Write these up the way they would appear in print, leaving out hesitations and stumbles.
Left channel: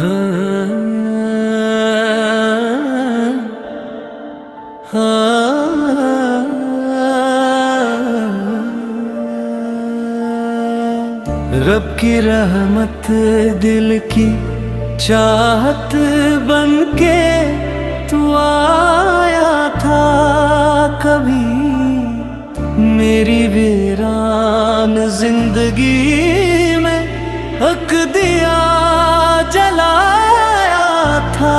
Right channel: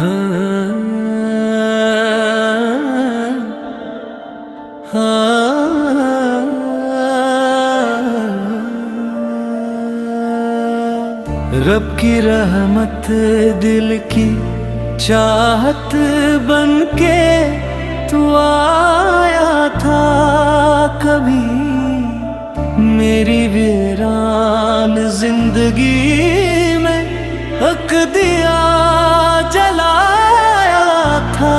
हाँ, हाँ, रब की रहमत दिल की चाहत बनके तू आया था कभी मेरी वीरान जिंदगी में हक दिया जलाया था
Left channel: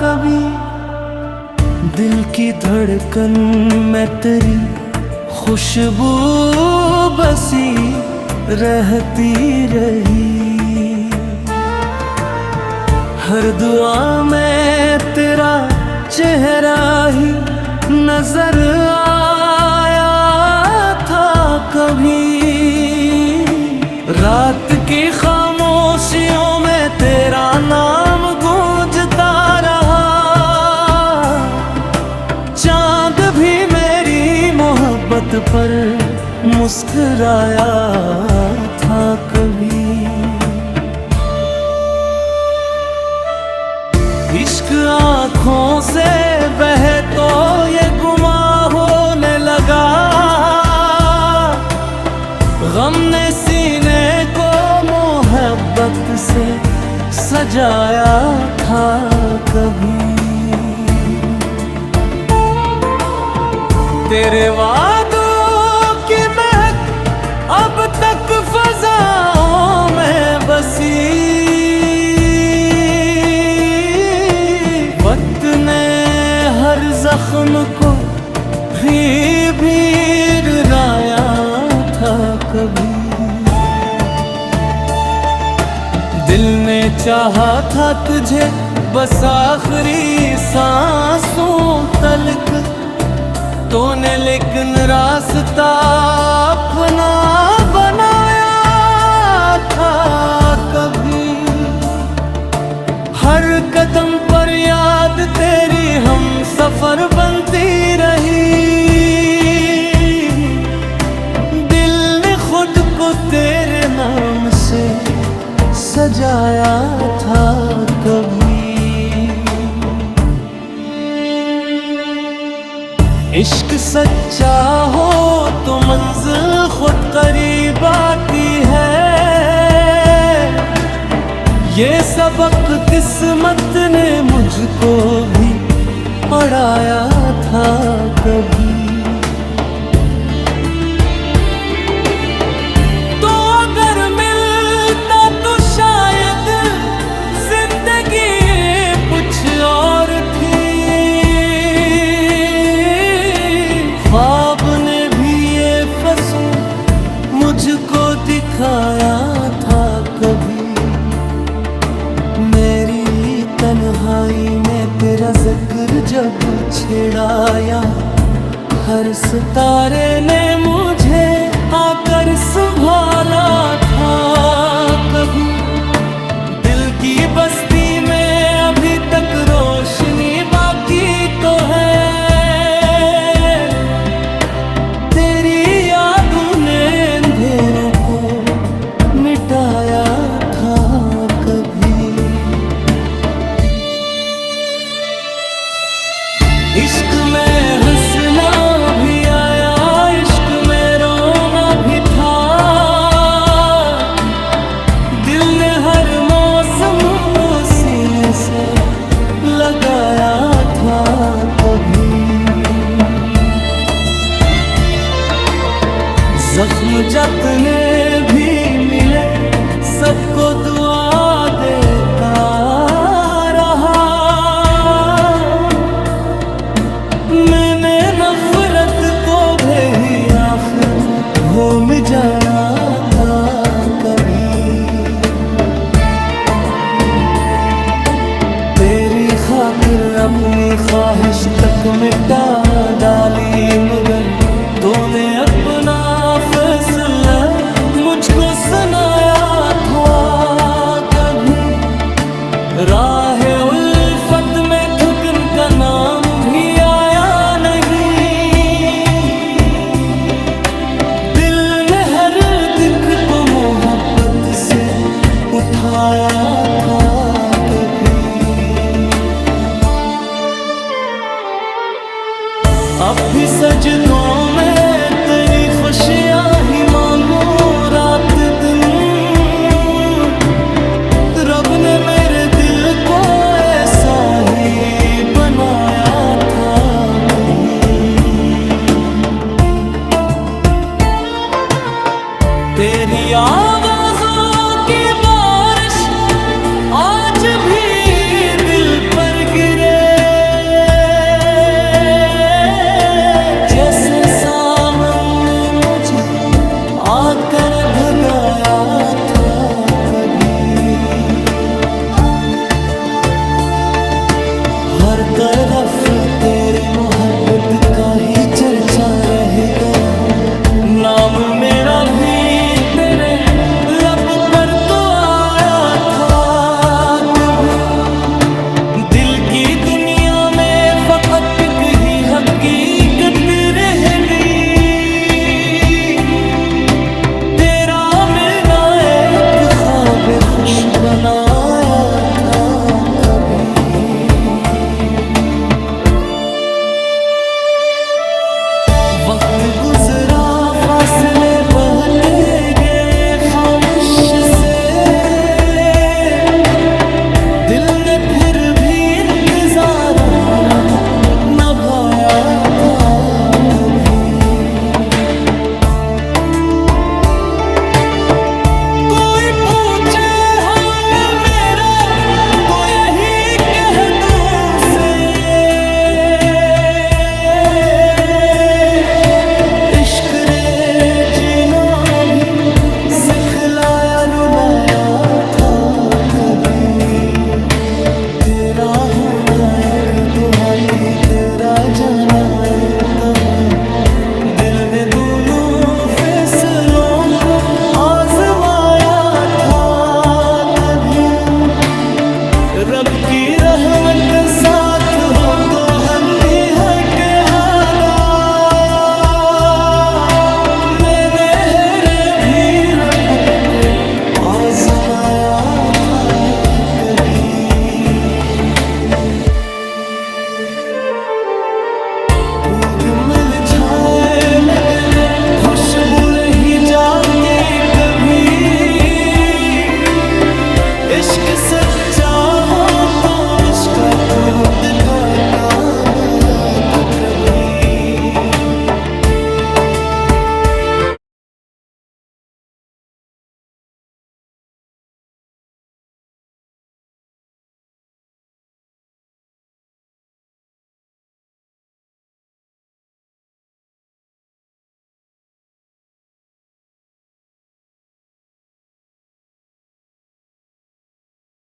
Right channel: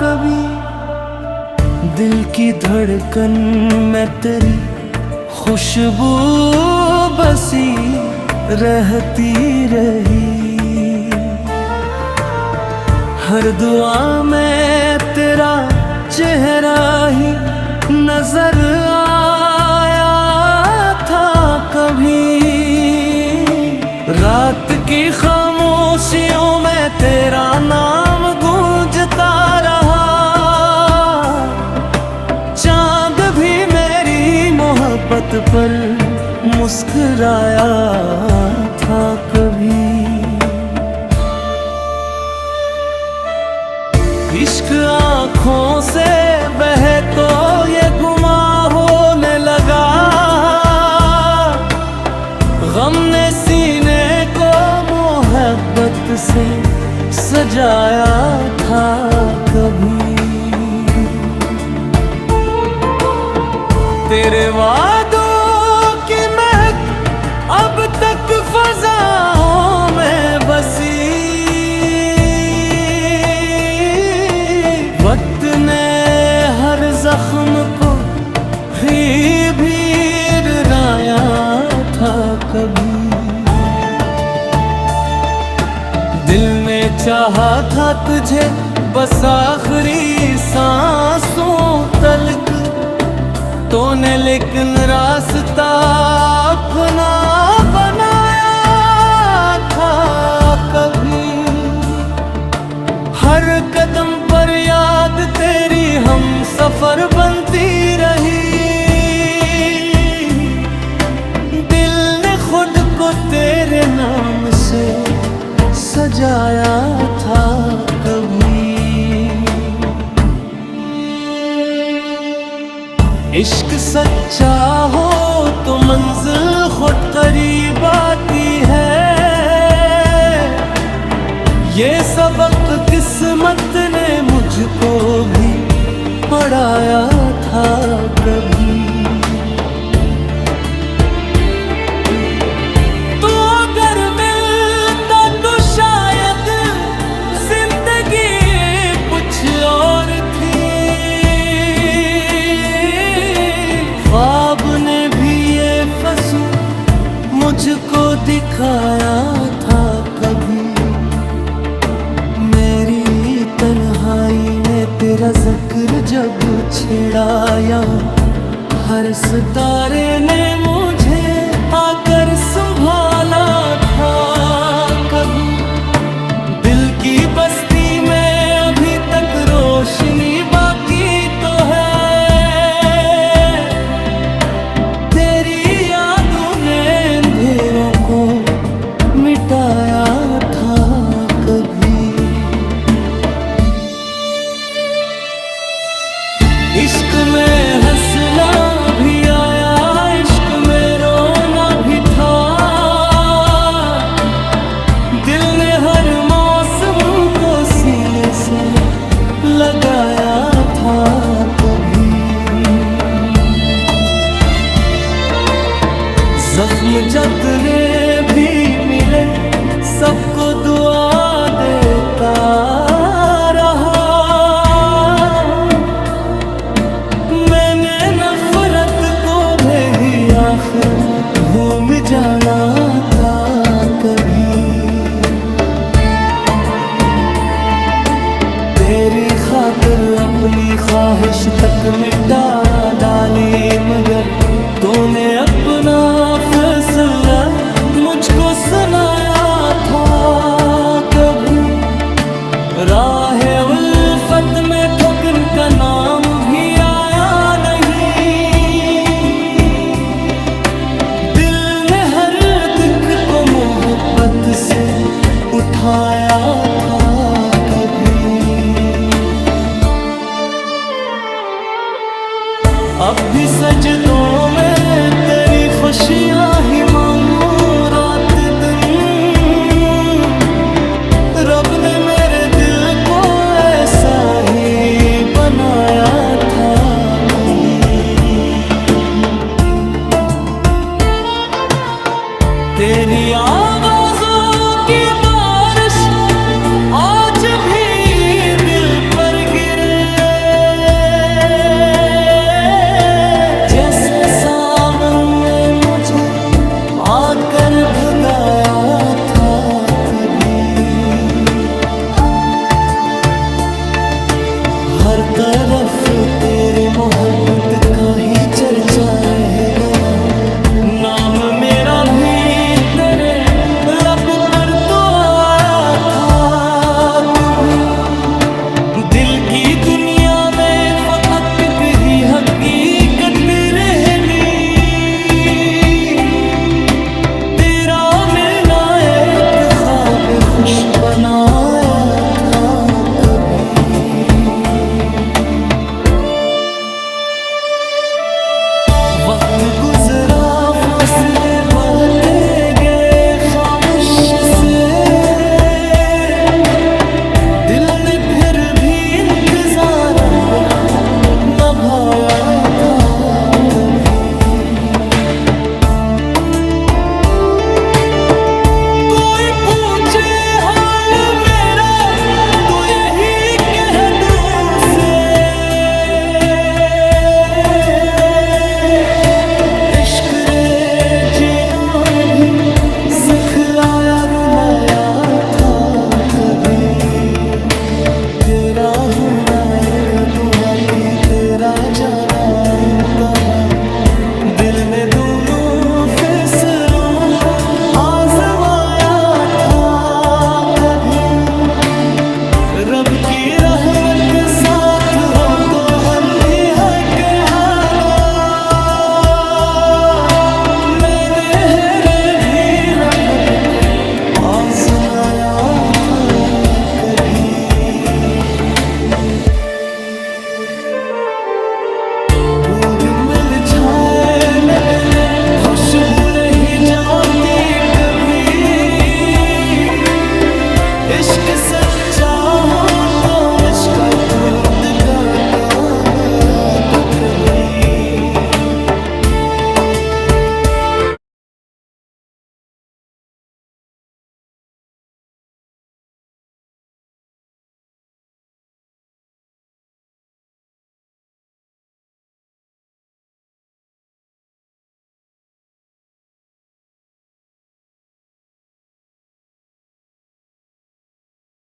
कभी दिल की धड़कन में तेरी खुशबू बसी रहती रही हर दुआ में तेरा चेहरा ही नजर आया था कभी रात की खामोशियों में तेरा नाम गूंजता रहा चांद भी मेरी मोहब्बत पर मुस्कुराया था कभी इश्क आँखों से बहे तो ये गुमां होने लगा गम ने सीने को मोहब्बत से सजाया था कभी तेरे वादों की महक अब तक फज़ाओं में बसी वक्त ने हर जख्म को भी रुलाया था कभी दिल ने चाहा था तुझे बस आखिरी सांसों तलक तूने लेकिन रास्ता अपना बनाया था कभी हर कदम पर याद तेरी हम सफर बनती रही दिल ने खुद को तेरे नाम से सजाया था कभी इश्क सच्चा हो तो मंजिल खुद करीब आती है ये सबक किस्मत ने मुझको भी पढ़ाया था कभी तो अगर मिलता तो शायद जिंदगी कुछ और थी ख्वाब ने भी ये फसूं मुझको दिखाया था कभी मेरी तन्हाई ने तेरा जिक्र जब छेड़ाया हर सितारे ने मुझे आकर संभाला था कभी दिल की बस्ती में अभी तक रोशनी बाकी तो है तेरी यादों ने अंधेरों को मिटाया था कभी इश्क में हंसना भी आया इश्क में रोना भी था दिल ने हर मौसम को सीने से लगाया था कभी जख्म जतने भी मिले सबको दुआ देता रहा मैंने नफरत को भी आखिर भूल जाना था कभी तेरी खातिर अपनी ख्वाहिश तक मिटा डाली मगर तूने अपना फैसला मुझको सुनाया था कभी राहे उल्फत में थकन का नाम भी आया नहीं दिल ने हर दिख को मोहब्बत से उठाया था कभी। अब भी सजदों में तेरी खुशियां ही मांगू रात दिन। रब ने मेरे दिल को ऐसा ही बनाया था कहीं। तेरी आवाज़ों की बारिश आज भी दिल पर गिरे, जैसे सावन ने मुझे आकर भगाया था कभी। हर तरफ तेरे मोहब्बत का ही चर्चा रह गया, नाम मेरा भी तेरे लब पर तो आया था कभी। दिल की दुनिया में फकत ही हकीकत रह गई, तेरा मिलना एक ख्वाब खुश बनाया था कभी। वक्त गुजरा फासले बहते गए खामोश से, दिल ने फिर भी इंतजार अपना निभाया था कभी। कोई पूछे हाल मेरा तो यही कह दूं से, इश्क रे जीना भी सिखलाया रुलाया था कभी। तेरा होना एक दुआ थी, तेरा जाना इम्तिहान। दिल ने दोनों फैसलों को आजमाया था कभी। रब की रहमत साथ हो तो हम भी है कहादा, मैंने हेरे भी लफज को आजमाया था कभी। मिल जाए न खुशबू नहीं जाती कभी, इश्क सच्चा हो तो इश्क खुद का तारा था कभी।